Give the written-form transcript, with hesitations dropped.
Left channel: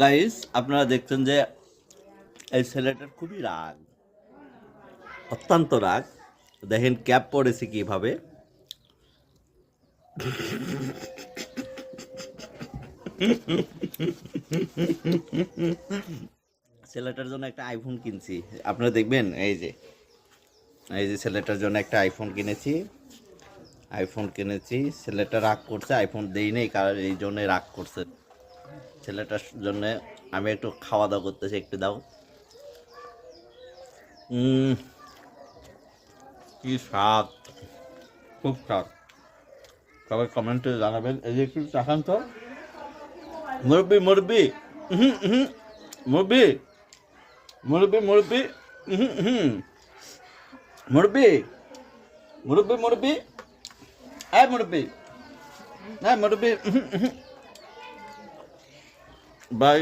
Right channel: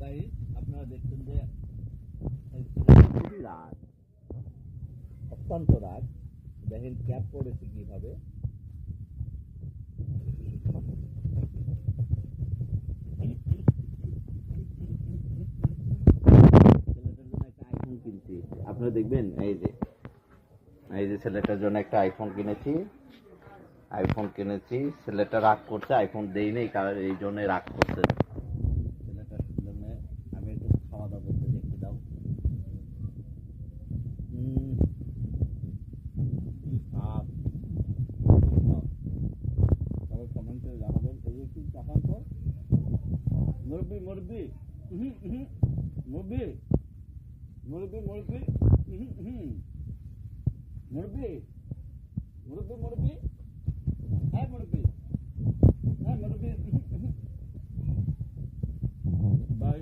Guys আপনারা দেখছেন যে এই ছেলেটা খুবই রাগ, অত্যন্ত রাগ। দেখেন ক্যাপ পড়েছে কিভাবে। ছেলেটার জন্য একটা আইফোন কিনছি, আপনারা দেখবেন। এই যে ছেলেটার জন্য একটা আইফোন কিনেছি। ছেলেটা রাগ করছে, আইফোন দেই নেই, কারণ এই জন্য রাগ করছে। ছেলেটার জন্য আমি একটু খাওয়া দাওয়া করতেছি, একটু দাও। কি স্বাদ, খুব স্বাদ। সবাই কমেন্টে জানাবেন। এই যে একটু চাখান তো, মুরব্বি মুরব্বি মুরব্বি মুরব্বি মুরব্বি মুরব্বি মুরব্বি মুরব্বি হ্যাঁ মুরব্বি, হ্যাঁ মুরব্বি। বাই।